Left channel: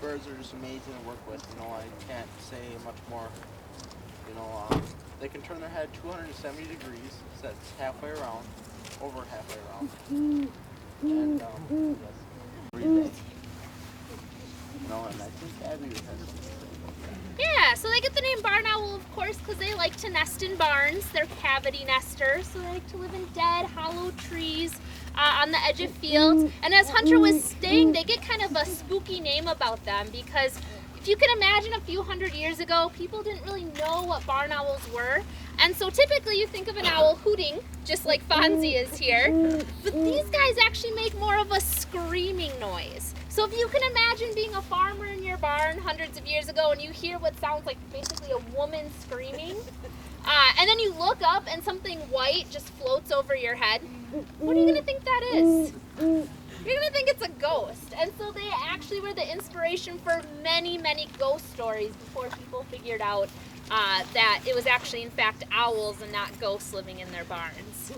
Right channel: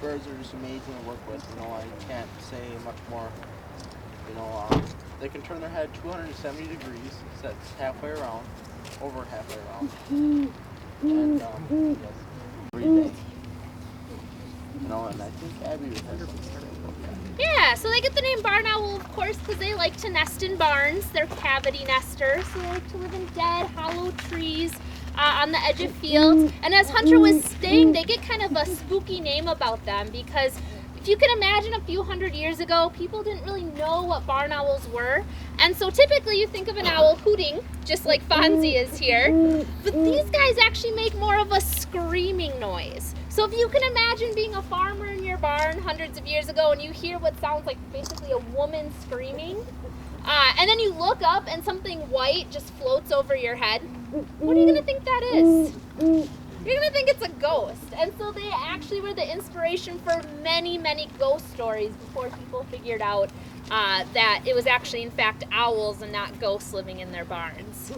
birds are just amazing to work with. You know, I can't say much more. You know, they can turn their head 270 degrees. So that's halfway around, over halfway around. And yes, breathing. You know, and I think Abby has something to say about that. Yeah, so they get the name barn owl, of course, because they like to nest in barns. They're cavity nesters, so they like to live in dead, hollow trees on the edge of fields. And as Hunter was saying, they get kind of a spooky name about them because if you can imagine a few hundred years ago, people didn't really know what barn owls were. And so typically you think of an owl hooting, just like Fonzie is here. But these guys actually make more of a screaming noise. So if you can imagine being a farmer in your barn hundreds of years ago and you hear what sounds like basically a woman screaming, and then you look up and something white just floats over your head, what are you going to think that is? You're going to think it's a ghost. And so they actually were the inspiration for many, many ghost stories before people figured out that it was actually, in fact, owls and not ghosts living in their barns.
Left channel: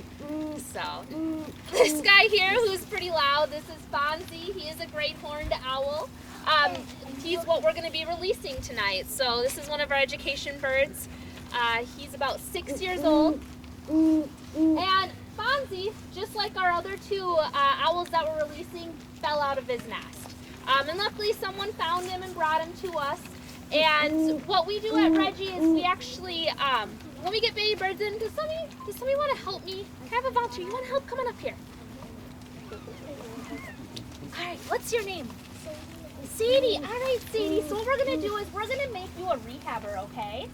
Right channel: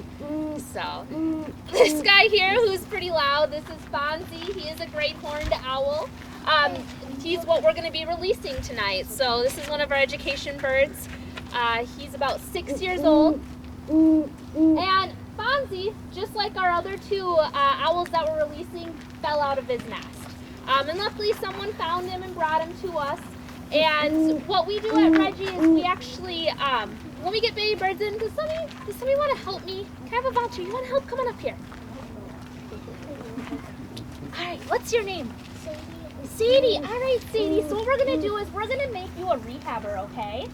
So, this guy here who's pretty loud, this is Fonzie. He is a great horned owl. He's what we're going to be releasing tonight. So, this is one of our education birds. He's about 6 years old. And Fonzie, just like our other two owls that we're releasing, fell out of his nest. And luckily, someone found him and brought him to us. And what we do at REGI is we actually, when we get baby birds in, does somebody want to help me? Can I have a voucher? You want to help? Come on up here. All right, what's your name? Sadie. All right, Sadie. So what we're going to do is we're going to make you a rehabber, okay?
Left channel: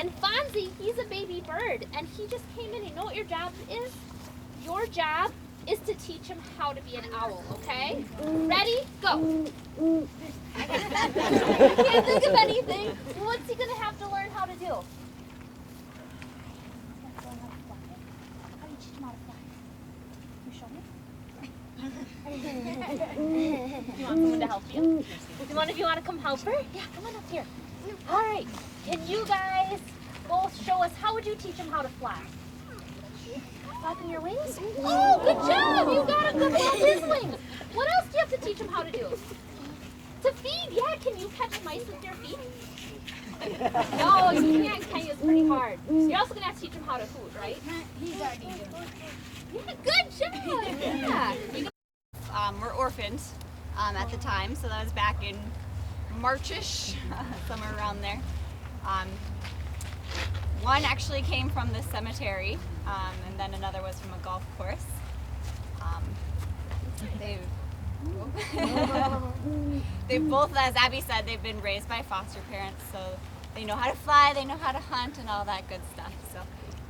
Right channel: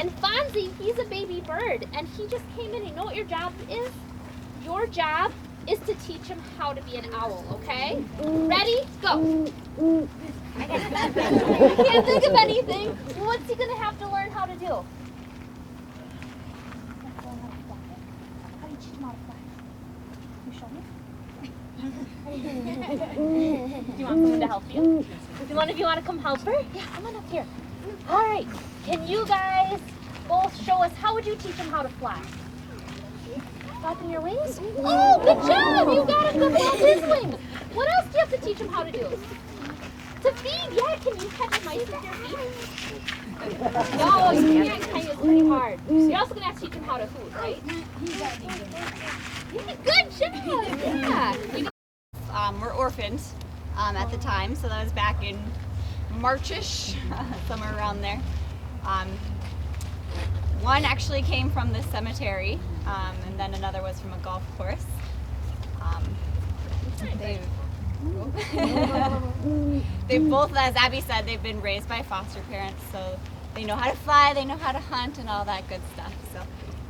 And Fonzie, he's a baby bird, and he just came in. You know what your job is? Your job is to teach him how to be an owl, okay? Ready? Go. Can't think of anything. What's he gonna have to learn how to do? How do you teach him how to fly? Can you show me? You want someone to help you? One of you want to come help her? Yeah, come on up here. All right. Can you guys both show us how would you teach him how to fly? Flapping your wings? Oh, good job! You got him to flap his wings. What else do you have to teach him how to do? To feed, yeah. Can you catch mice with your feet? No, you can't. Kind of pretty hard. So you're also gonna have to teach him how to hoot, right? Yeah, good job. Yeah. We're orphans at the time, so that was back in Marchish, somewhere around there. One actually came from the cemetery, and then another was from a golf course. They both, as Abby said, they've been raised by foster parents, so they know how to fly, they know how to hunt, and all that good stuff. So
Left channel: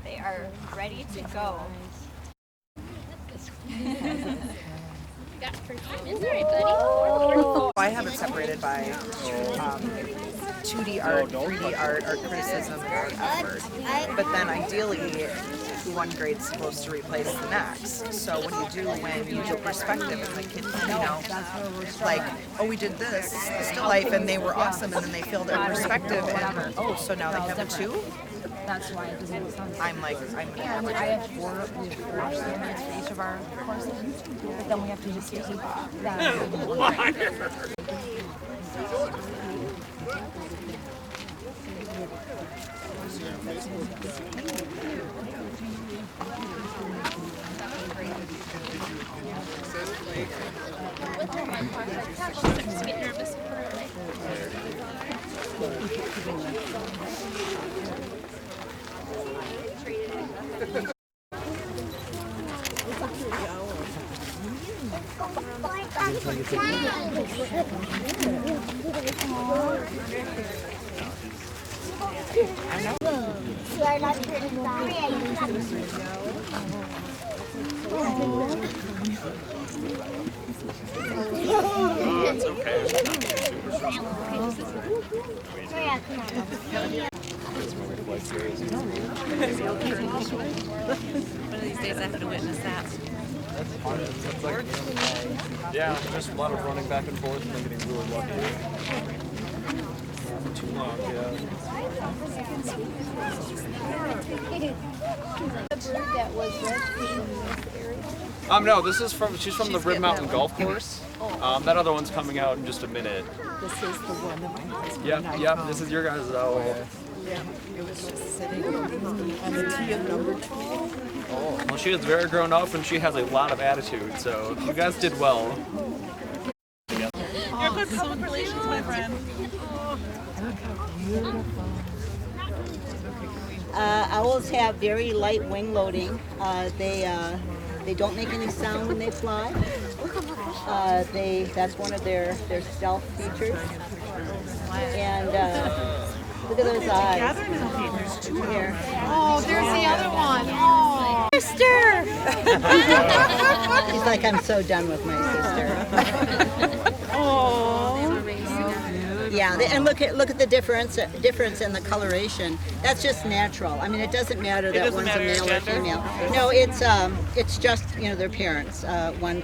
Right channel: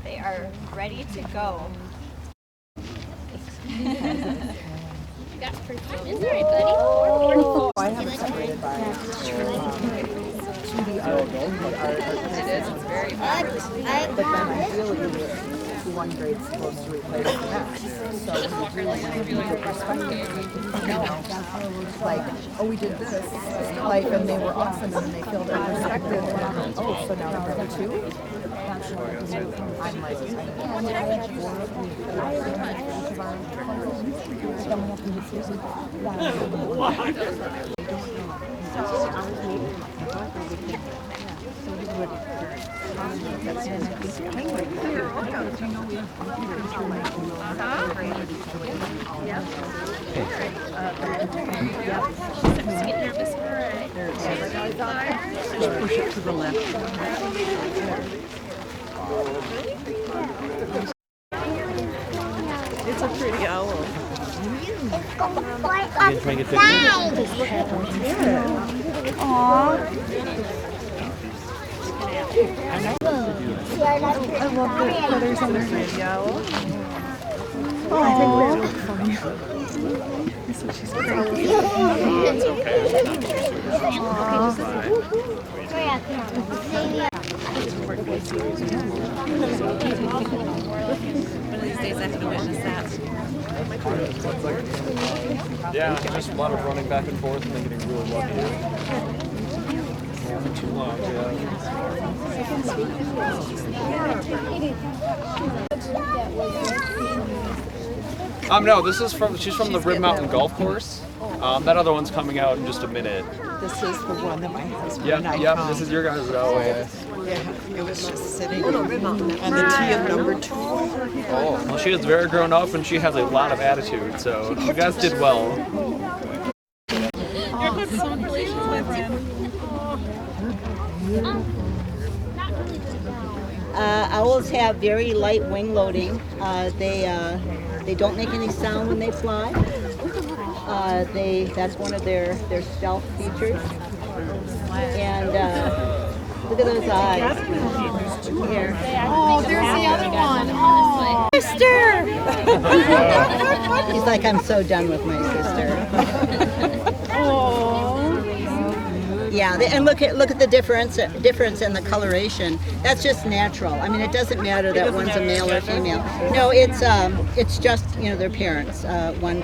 they are ready to go. I have it separated by 2D art, 3D art, art criticism, but then ideally one grade's supposed to replace the next. So when you do perspective, you know, like, oh, we did this still life and they were awesome, and then they filled their perspective, and oh, so now they have a 2? I'm like, each of our courses, then we have to discuss It's a pretty owl. Did you make a picture? I love the feathers on the video. It's Yeah, just a lot of running back and forth and getting really lucky. For too long, no, this is from, she's from the Rib Mountain Golf Course. That other one's coming out in just a minute. This is the one that my husband and I Yep, found. this is your guys' Owl-O-Ween. Yeah, it was just sitting on the tee of number 2. Oh, well, she is very grown up and she has a lot of attitude, so you guys did well. Congratulations, my friend. Owls have very light wing loading. They don't make any sound when they fly. That's one of their stealth features. And look at those eyes. Here. Oh, there's the other one. Oh, sister! She's like, I'm so done with my sister. Yeah, and look at the difference in the coloration. That's just natural. I mean, it doesn't matter that one's a male or female. No, it's just their parents. One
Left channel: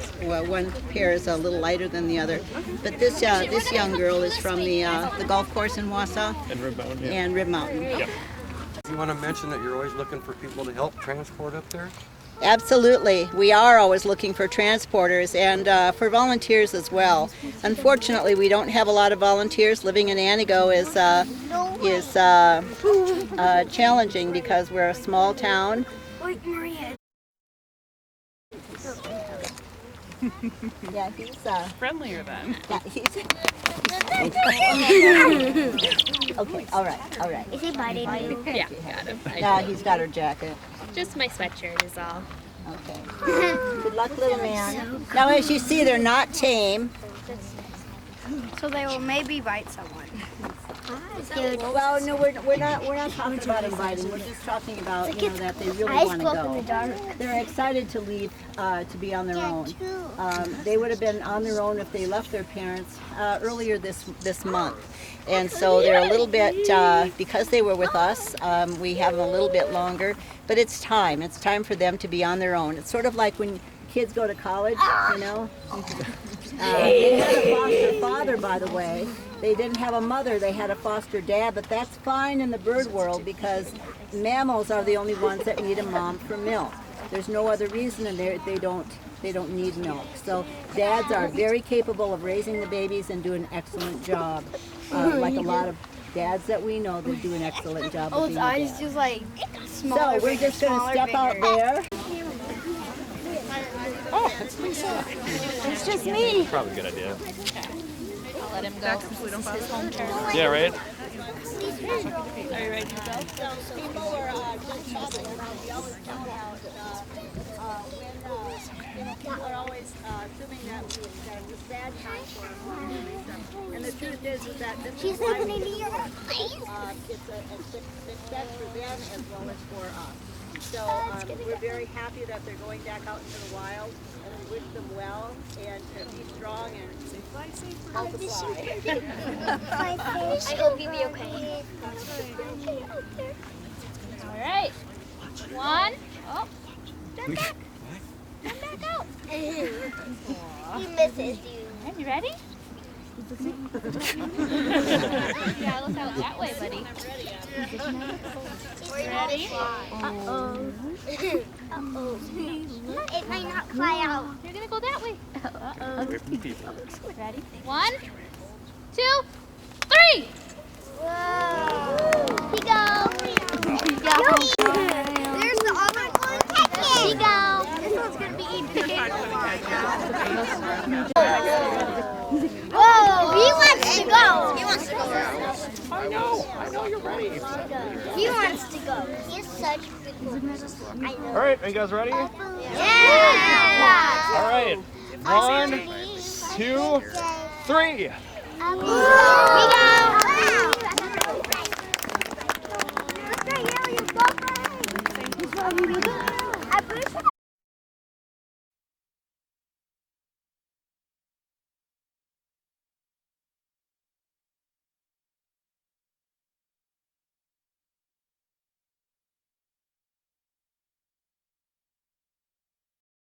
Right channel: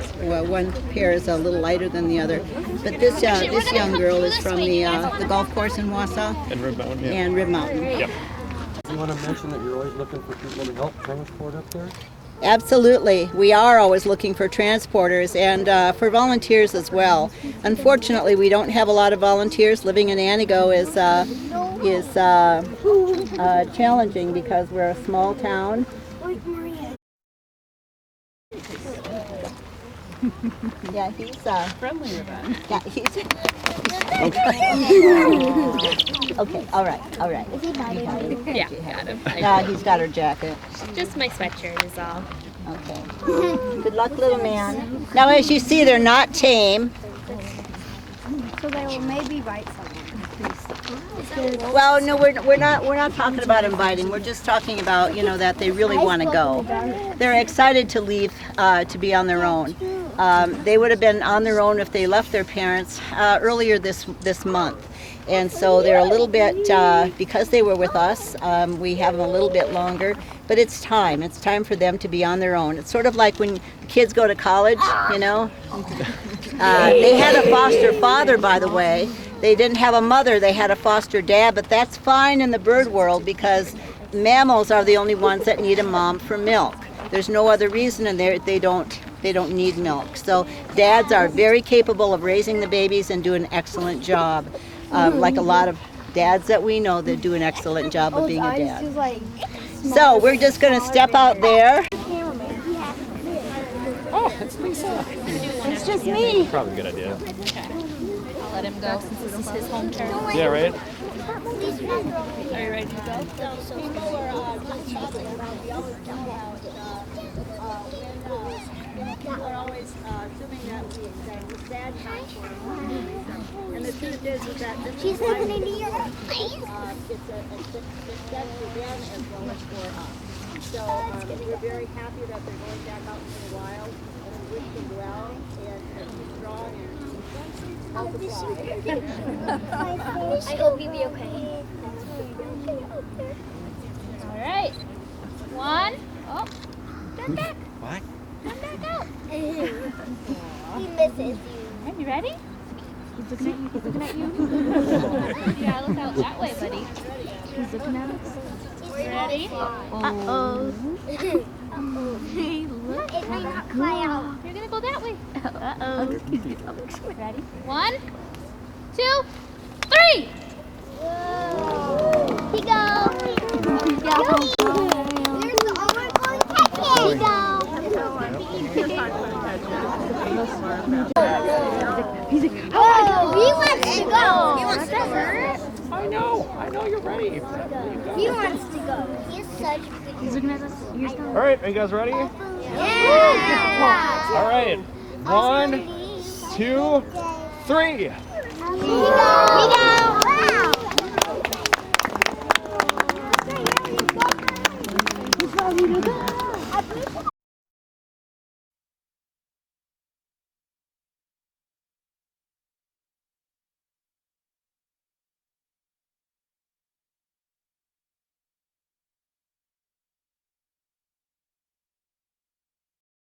pair is a little lighter than the other, but this young girl is from the golf course in Wausau And Rib Mountain, yeah. and Rib Mountain. Yep. I want to mention that you're always looking for people to help transport up there. Absolutely. We are always looking for transporters and for volunteers as well. Unfortunately, we don't have a lot of volunteers. Living in Antigo is challenging because we're a small town. Yeah, he's Friendlier then. yeah, he's okay, all right. Is he biting you? Yeah, got it. He's got her jacket. Just my sweatshirt is all. Okay. Good luck, little man. Now, as you see, they're not tame. So they will maybe bite someone. Well, no, we're not talking about inviting. We're just talking about that they really want to go. They're excited to leave to be on their own. They would have been on their own if they left their parents earlier this month, and so they're a little bit because they were with us. We have them a little bit longer, but it's time. It's time for them to be on their own. It's sort of like when kids go to college, They had a foster father, by the way. They didn't have a mother, they had a foster dad, but that's fine in the bird world because mammals are the only ones that need a mom for milk. There's no other reason, and they don't need milk. So dads are very capable of raising the babies and do an excellent job. Like a lot of dads that we know, they do an excellent job of being a dad. So we're just going to step out there. Oh, it's just me. Probably a good idea. Let him go since this is his home turf. Yeah, right? Are you ready to go? People are always assuming that the dad counts for them. And the truth is that this is why it's that's the dad as well as for us. So we're very happy that they're going back out into the wild and wish them well and be strong and help us I hope you be okay. All right. One. Oh. Come back. What? Come back out. He misses you. You ready? Yeah, look out that way, buddy. Ready? Uh-oh. Uh-oh. It might not fly out. You're gonna go that way. Uh-oh. Ready? 1, 2, 3. Whoa. He goes. There's the other one. He goes. This one's going to be Oh, he wants to go. He wants to go. I know you're ready. He wants to go. He's such a good one. All right, are you guys ready? Yeah. All right. 1, 2, 3. He goes.